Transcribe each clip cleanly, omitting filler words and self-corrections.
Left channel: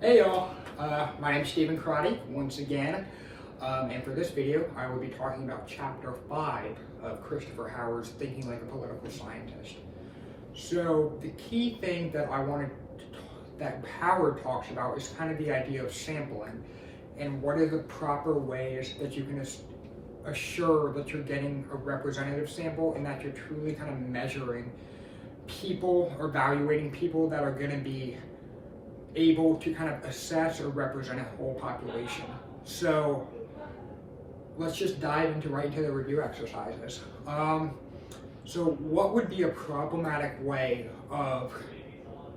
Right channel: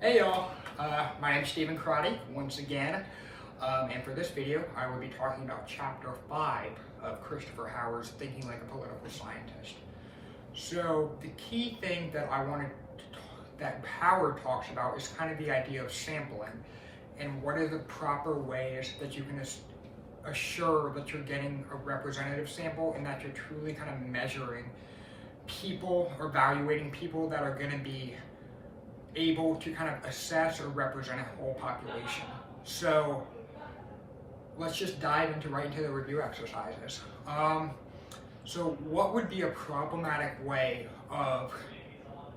Hey y'all, my name is Stephen Crotty once again, and for this video I will be talking about Chapter 5 of Christopher Howard's Thinking Like a Political Scientist. So the key thing that that Howard talks about is kind of the idea of sampling and what are the proper ways that you can assure that you're getting a representative sample and that you're truly kind of measuring people or evaluating people that are going to be able to kind of assess or represent a whole population. So let's just dive right into the review exercises. So what would be a problematic way of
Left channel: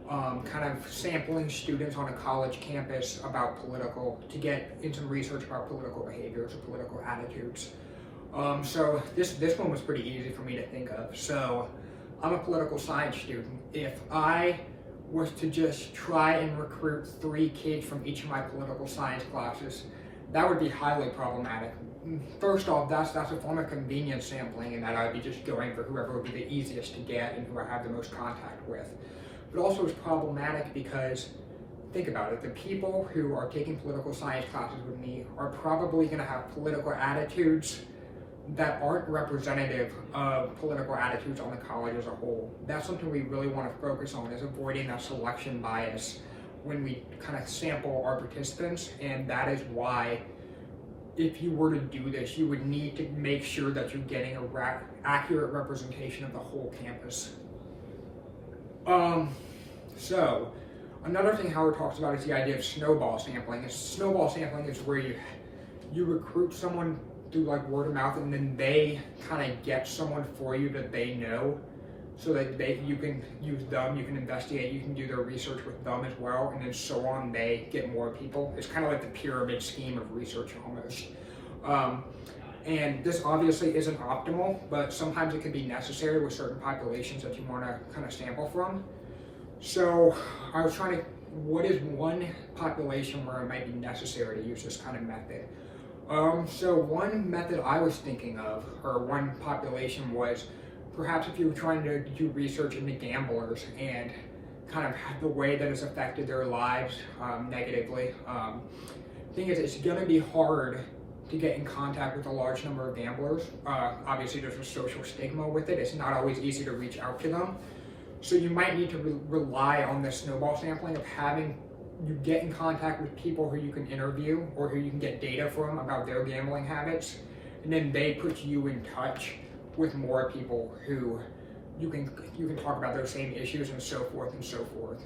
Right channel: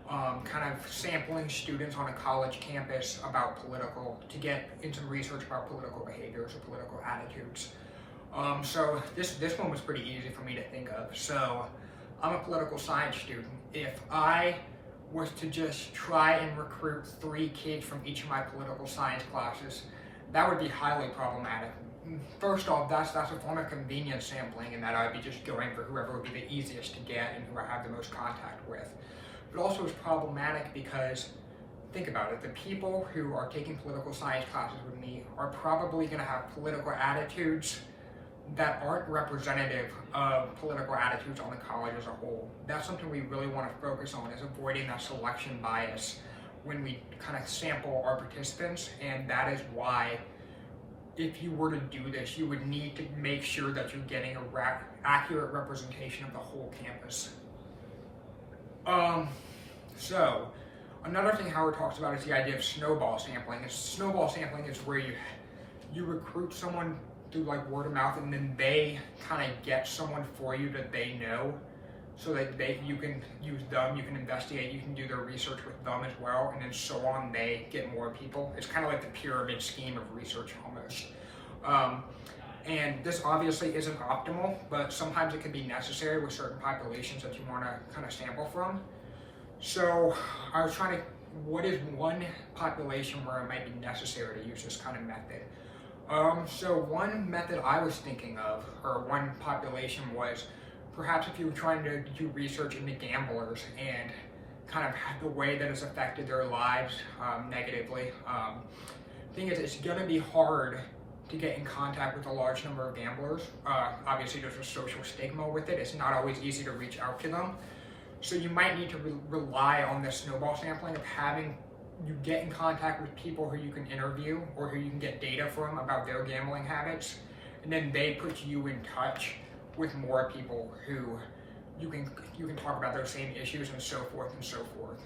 kind of sampling students on a college campus to get in some research about political behaviors or political attitudes? So this one was pretty easy for me to think of. So I'm a political science student. If I was to just try and recruit 3 kids from each of my political science classes, that would be highly problematic. First off, that's a form of convenience sampling, and that I would be just going for whoever would be the easiest to get and who I have the most contact with. But also it's problematic because, think about it, the people who are taking political science classes with me are probably going to have political attitudes that aren't representative of political attitudes on the college as a whole. That's something we really want to focus on, is avoiding that selection bias when we kind of sample our participants. And that is why, if you were to do this, you would need to make sure that you're getting an accurate representation of the whole campus. So another thing Howard talks about is the idea of snowball sampling. Snowball sampling is where you recruit someone through like word of mouth, and then they kind of get someone for you that they know, so that you can use them, you can investigate, you can do their research with them as well, and then so on they get more people. It's kind of like the pyramid scheme of research almost. And this obviously isn't optimal, but sometimes it can be necessary with certain populations that you want to kind of sample from. So I was trying to, what is one population where it might be necessary to use this kind of method? So one method I was thinking of, or one population, was perhaps if you were trying to do research into gamblers and kind of the way that it's affected their lives negatively. Thing is, it's going to be hard to get in contact with a large number of gamblers. Obviously there's a social stigma with it. It's not always easy to reach out to them. So you might need to rely on the snowball sampling of having you get in contact with people who you can interview or who you can get data from about their gambling habits, and then they put you in touch with more people who you can talk about those same issues, and so forth and so forth.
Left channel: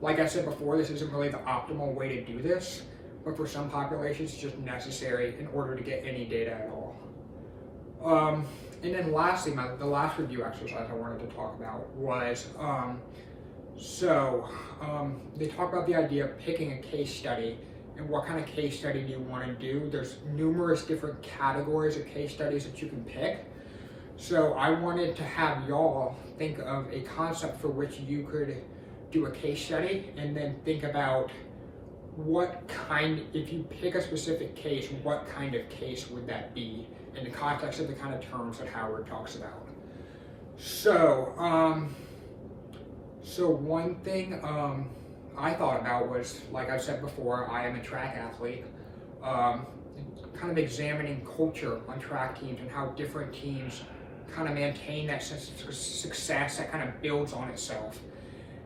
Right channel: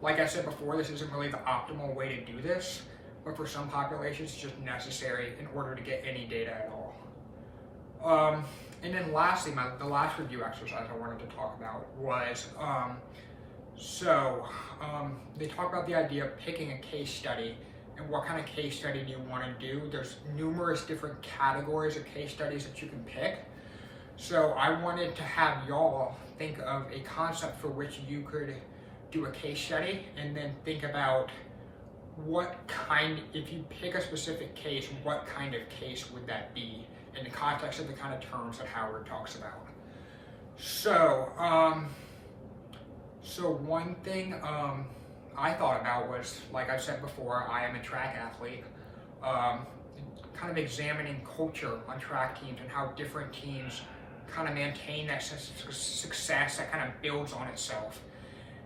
Like I said before, this isn't really the optimal way to do this, but for some populations it's just necessary in order to get any data at all. And then lastly, the last review exercise I wanted to talk about was they talk about the idea of picking a case study and what kind of case study do you want to do. There's numerous different categories of case studies that you can pick. So I wanted to have y'all think of a concept for which you could do a case study, and then think about if you pick a specific case, what kind of case would that be in the context of the kind of terms that Howard talks about. So one thing I thought about was, like I said before, I am a track athlete, kind of examining culture on track teams and how different teams kind of maintain that sense of success that kind of builds on itself.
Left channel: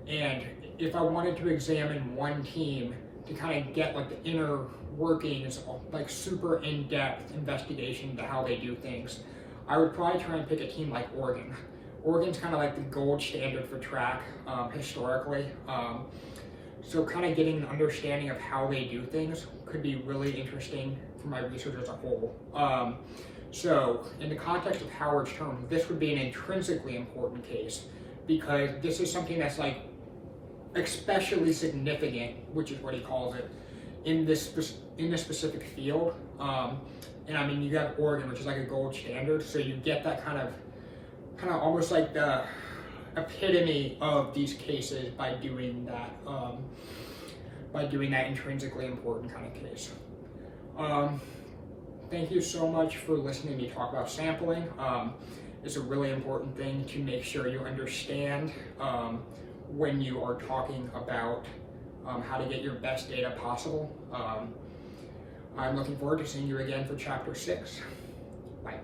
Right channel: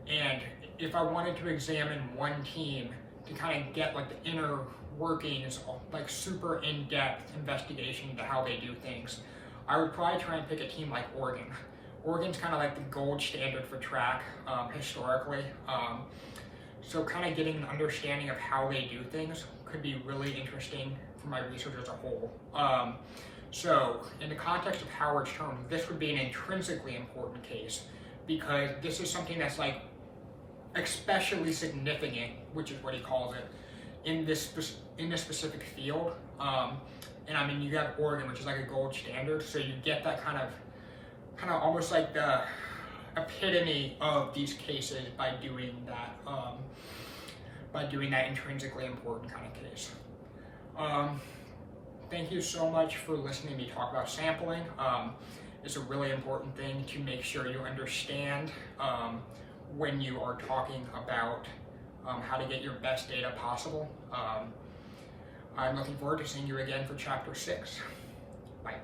And if I wanted to examine one team to kind of get like the inner workings, like super in-depth investigation into how they do things, I would probably try and pick a team like Oregon. Oregon's kind of like the gold standard for track historically. So kind of getting an understanding of how they do things could be really interesting for my research as a whole. So in the context of Howard's terms, this would be an intrinsically important case, because this is something that's like especially significant, which is what he calls it, in this specific field. And I mean, you have Oregon, which is like a gold standard, so you get that kind of almost like the epitome of these cases by doing that intrinsically important kind of case. Thank you so much for listening to me talk about sampling. It's a really important thing to make sure you understand when you are talking about how to get your best data possible. I'm looking forward to seeing you again for chapter 6. Bye.